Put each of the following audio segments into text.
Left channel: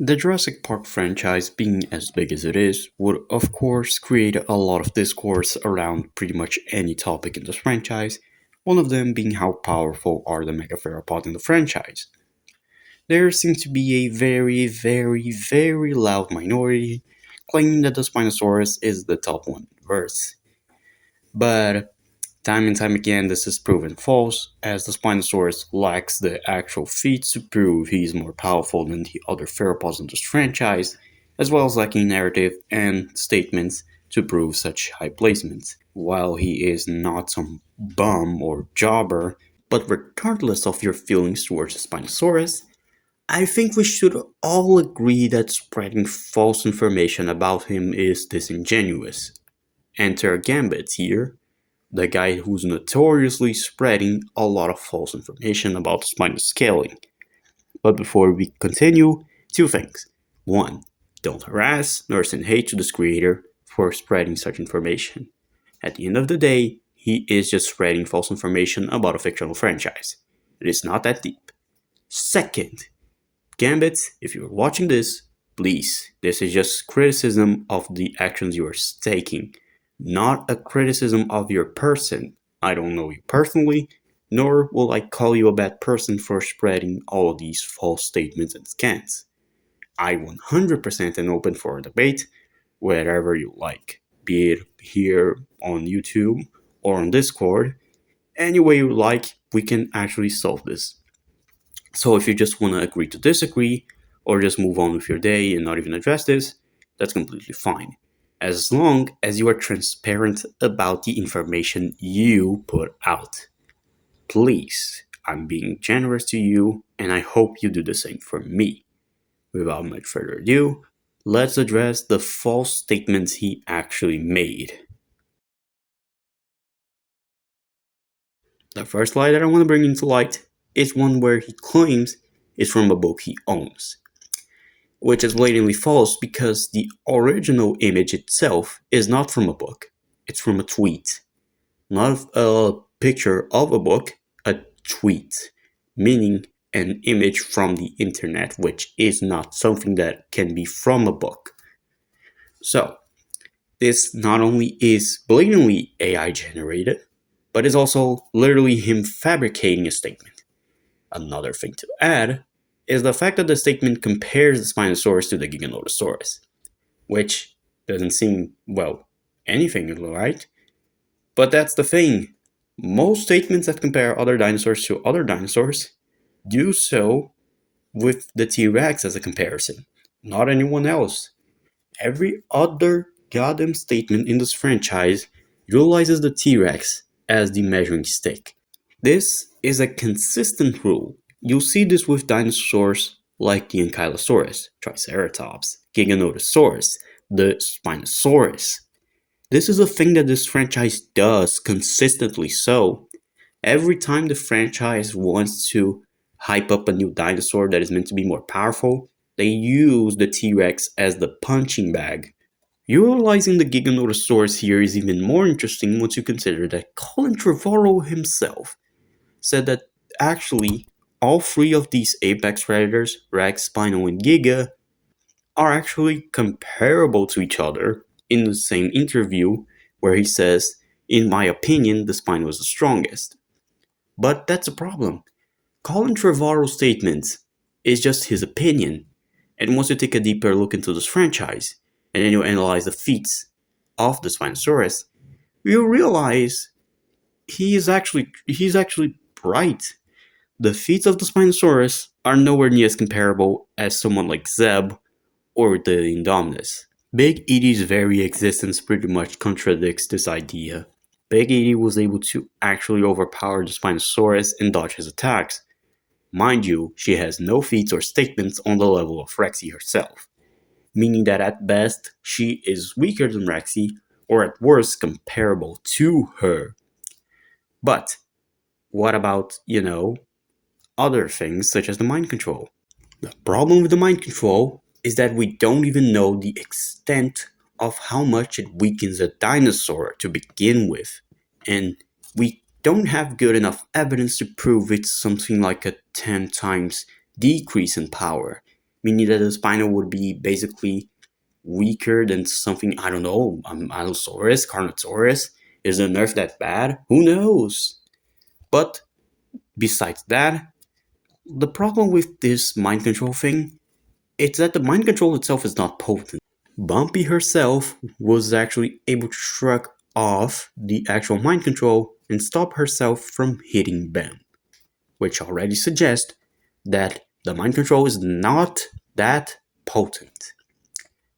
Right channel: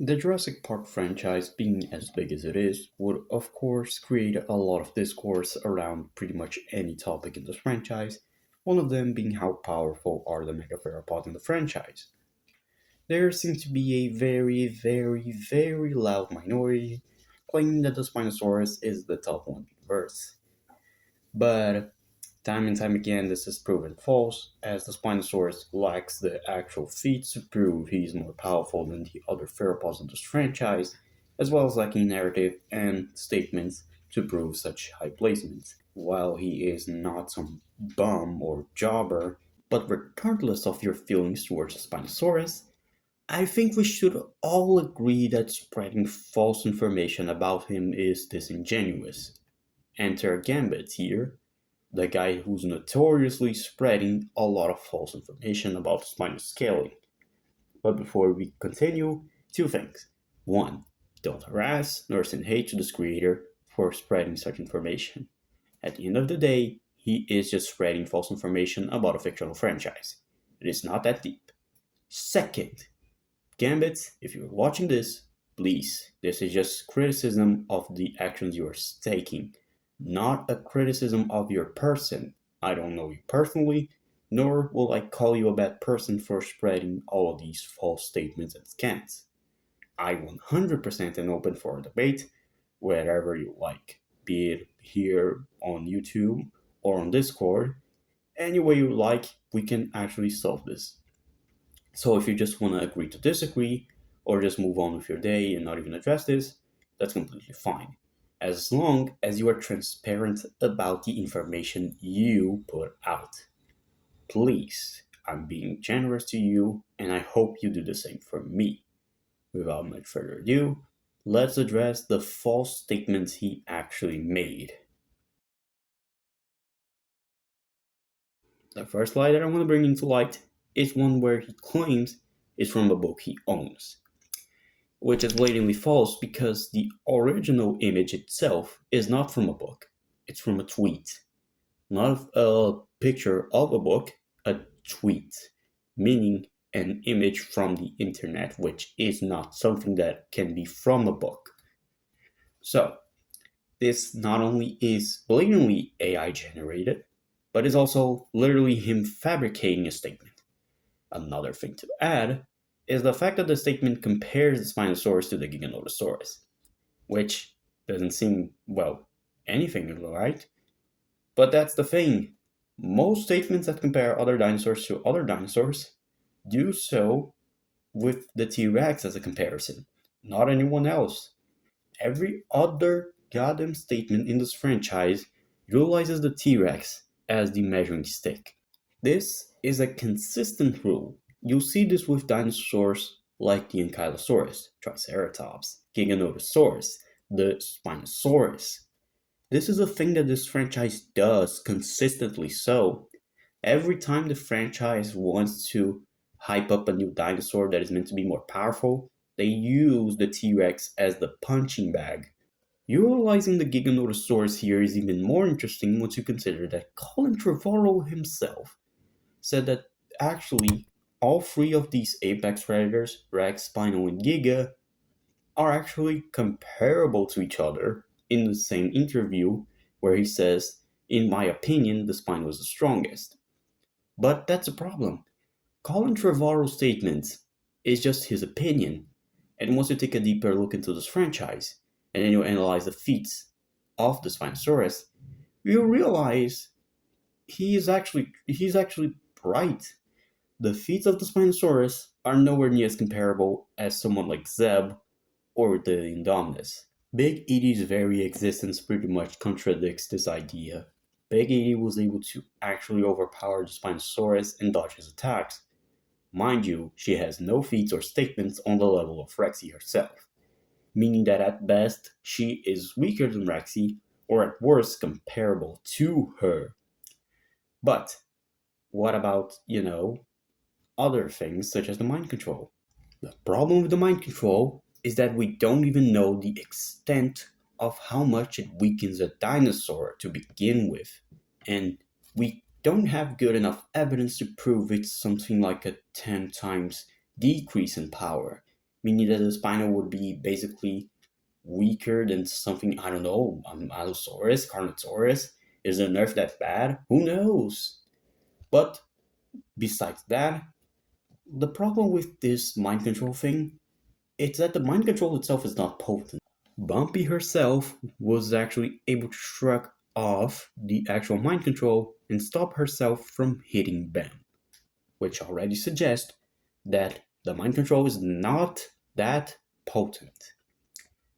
The Jurassic Park franchise, being as big as it is, would of course create a lot of discourse around pretty much any topic in this franchise, one of them being how powerful are the megatheropods in the franchise. There seems to be a very loud minority claiming that the Spinosaurus is the top one in the verse. But time and time again, this is proven false, as the Spinosaurus lacks the actual feats to prove he is more powerful than the other theropods in this franchise, as well as lacking narrative and statements to prove such high placements. While he is not some bum or jobber, but regardless of your feelings towards the Spinosaurus, I think we should all agree that spreading false information about him is disingenuous. Enter Gambittz here, the guy who's notoriously spreading a lot of false information about spinal scaling. But before we continue, two things. One, don't harass nor send hate to this creator for spreading such information. At the end of the day, he is just spreading false information about a fictional franchise. It is not that deep. Second, Gambittz, if you're watching this, please, this is just criticism of the actions you are taking, not a criticism of your person. I don't know you personally, nor will I call you a bad person for spreading all of these false statements and scans. I 100% am open for a debate wherever you like, be it here on YouTube or on Discord. Any way you like, we can actually solve this. So if you just want to agree to disagree, or just move on with your day and not even address this, that's completely fine. As long as you are transparent about the information you put out. Please, I'm being generous to you, and I hope you do the same for me. Without much further ado, let's address the false statements he actually made. The first lie that I want to bring into light is one where he claims it's from a book he owns, which is blatantly false because the original image itself is not from a book, it's from a tweet. Not a picture of a book, a tweet, meaning an image from the internet, which is not something that can be from a book. So, this not only is blatantly AI generated, but is also literally him fabricating a statement. Another thing to add is the fact that the statement compares the Spinosaurus to the Giganotosaurus, which doesn't seem, well, anything, right? But that's the thing. Most statements that compare other dinosaurs to other dinosaurs do so with the T-Rex as a comparison, not anyone else. Every other goddamn statement in this franchise utilizes the T-Rex as the measuring stick. This is a consistent rule. You'll see this with dinosaurs like the Ankylosaurus, Triceratops, Giganotosaurus, the Spinosaurus. This is a thing that this franchise does consistently. So, every time the franchise wants to hype up a new dinosaur that is meant to be more powerful, they use the T-Rex as the punching bag. Utilizing the Giganotosaurus here is even more interesting once you consider that Colin Trevorrow himself said that actually all three of these apex predators, Rex, Spino, and Giga, are actually comparable to each other in the same interview where he says, in my opinion, the Spino is the strongest. But that's a problem. Colin Trevorrow's statement is just his opinion, and once you take a deeper look into this franchise, and then you analyze the feats of the Spinosaurus, you realize he's actually right. The feats of the Spinosaurus are nowhere near as comparable as someone like Zeb or the Indominus. Big Edie's very existence pretty much contradicts this idea. Big Edie was able to actually overpower the Spinosaurus and dodge his attacks. Mind you, she has no feats or statements on the level of Rexy herself, meaning that at best she is weaker than Rexy, or at worst comparable to her. But what about, other things such as the mind control? The problem with the mind control is that we don't even know the extent of how much it weakens a dinosaur to begin with, and we don't have good enough evidence to prove it's something like a 10 times decrease in power. meaning that the Spino would be basically weaker than something, I don't know, Allosaurus, Carnotaurus. Is the nerf that bad? Who knows? But besides that, the problem with this mind control thing is that the mind control itself is not potent. Bumpy herself was actually able to shrug off the actual mind control and stop herself from hitting Bam, which already suggests that the mind control is not that potent.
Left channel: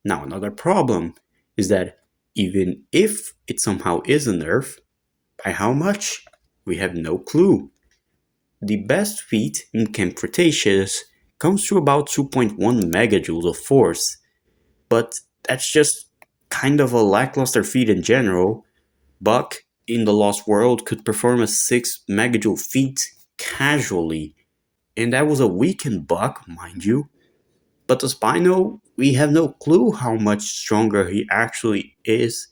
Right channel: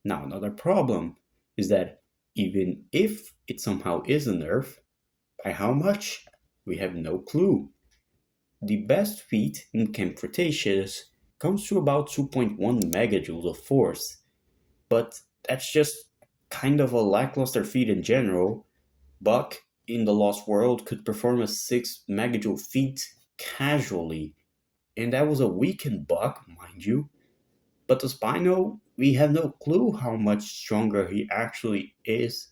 Now, another problem is that even if it somehow is a nerf, by how much? We have no clue. The best feat in Camp Cretaceous comes to about 2.1 megajoules of force, but that's just kind of a lackluster feat in general. Buck in the Lost World could perform a 6 megajoule feat casually, and that was a weakened Buck, mind you. But the Spino, we have no clue how much stronger he actually is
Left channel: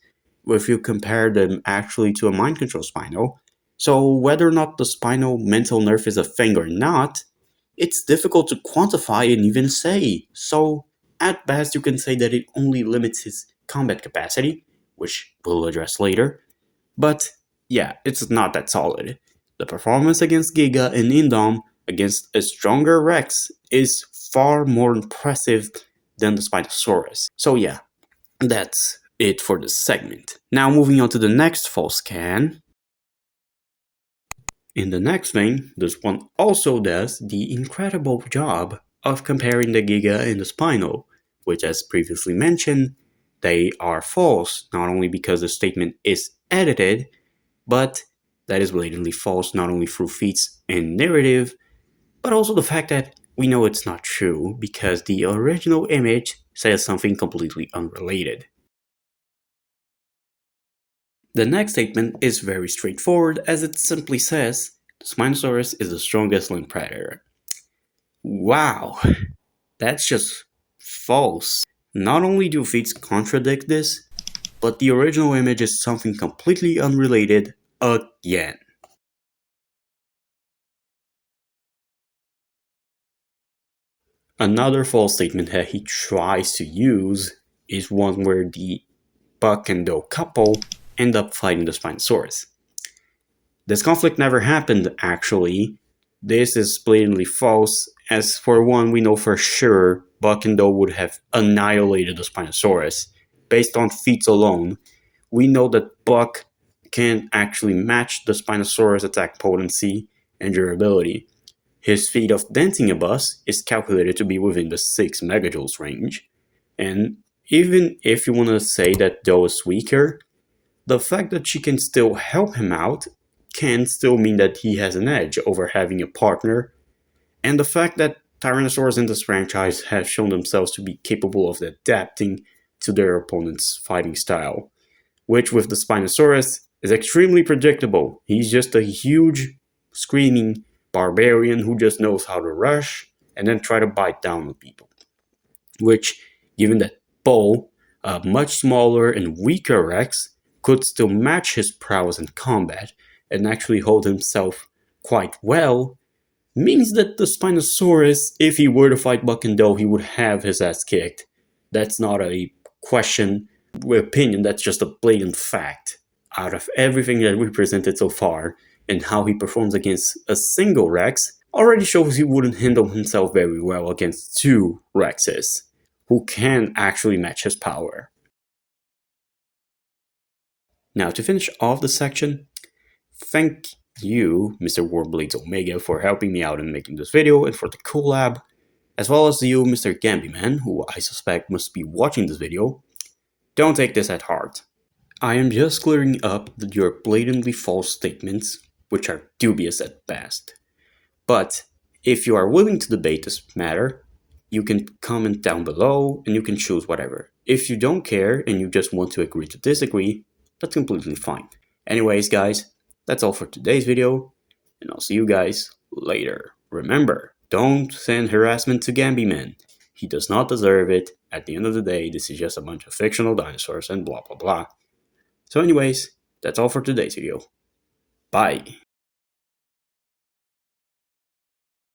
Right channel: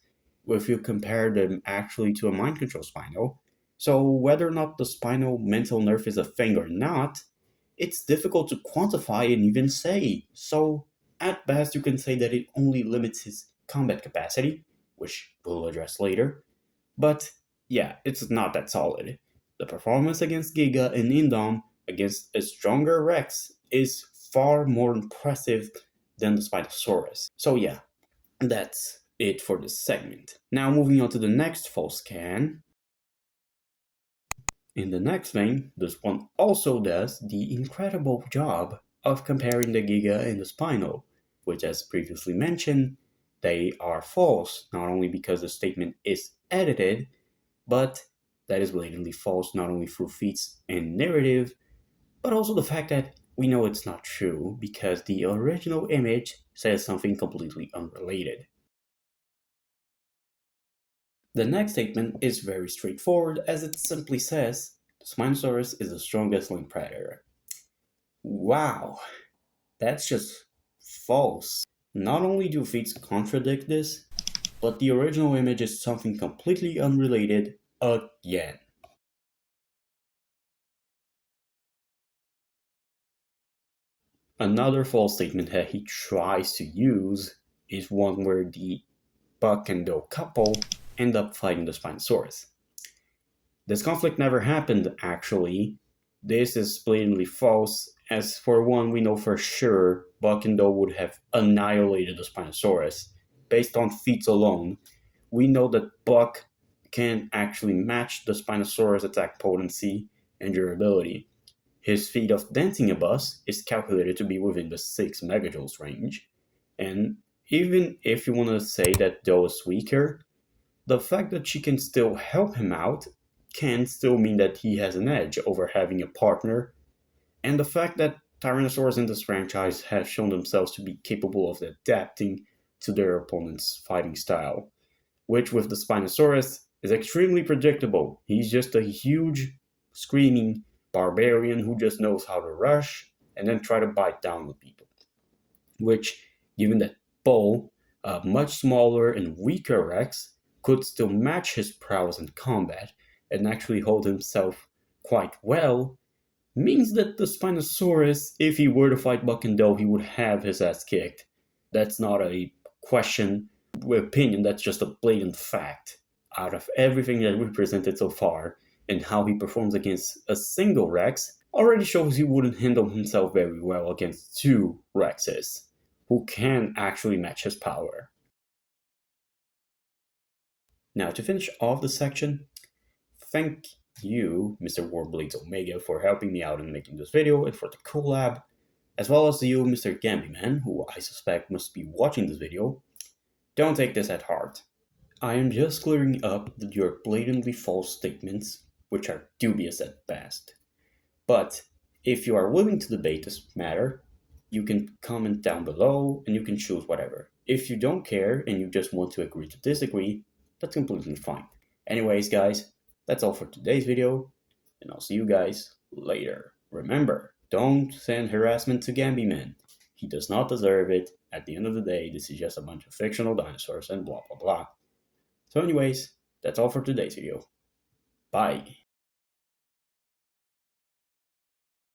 if you compare them actually to a mind control Spino. So whether or not the Spino mental nerf is a thing or not, it's difficult to quantify and even say. So at best you can say that it only limits his combat capacity, which we'll address later. But yeah, it's not that solid. The performance against Giga and Indom against a stronger Rex is far more impressive than the Spinosaurus. So yeah, that's it for this segment. Now moving on to the next false scan. In the next thing, this one also does the incredible job of comparing the Giga and the Spino, which as previously mentioned, they are false, not only because the statement is edited, but that is blatantly false not only through feats and narrative, but also the fact that we know it's not true because the original image says something completely unrelated. The next statement is very straightforward as it simply says the Spinosaurus is the strongest land predator. Wow, that's just false. Not only do feats contradict this, but the original image is something completely unrelated again. Another false statement that he tries to use is one where the Buck and Do couple end up fighting the Spinosaurus. This conflict never happened, actually. This is blatantly false, as for one, we know for sure Buck and Do would have annihilated the Spinosaurus. Based on feats alone, we know that Buck can actually match the Spinosaurus attack potency and durability. His feat of denting a bus is calculated to be within the 6 megajoules range, and even if you want to say that Do is weaker, the fact that she can still help him out can still mean that he has an edge over having a partner, and the fact that Tyrannosaurs in this franchise have shown themselves to be capable of adapting to their opponent's fighting style, which with the Spinosaurus is extremely predictable. He's just a huge, screaming barbarian who just knows how to rush and then try to bite down on people. Which, given that Bo, a much smaller and weaker Rex, could still match his prowess in combat and actually hold himself quite well, means that the Spinosaurus, if he were to fight Buck and Do, he would have his ass kicked. That's not a question with opinion, that's just a blatant fact. Out of everything that we presented so far, and how he performs against a single Rex, already shows he wouldn't handle himself very well against 2 Rexes, who can actually match his power. Now to finish off the section, thank you, Mr. Warblades Omega, for helping me out in making this video and for the collab, as well as you, Mr. Gambiman, who I suspect must be watching this video. Don't take this at heart. I am just clearing up your blatantly false statements, which are dubious at best. But if you are willing to debate this matter, you can comment down below and you can choose whatever. If you don't care and you just want to agree to disagree, that's completely fine. Anyways, guys, that's all for today's video, and I'll see you guys later. Remember, don't send harassment to Gambiman. He does not deserve it. At the end of the day, this is just a bunch of fictional dinosaurs and blah blah blah. So anyways, that's all for today's video. Bye.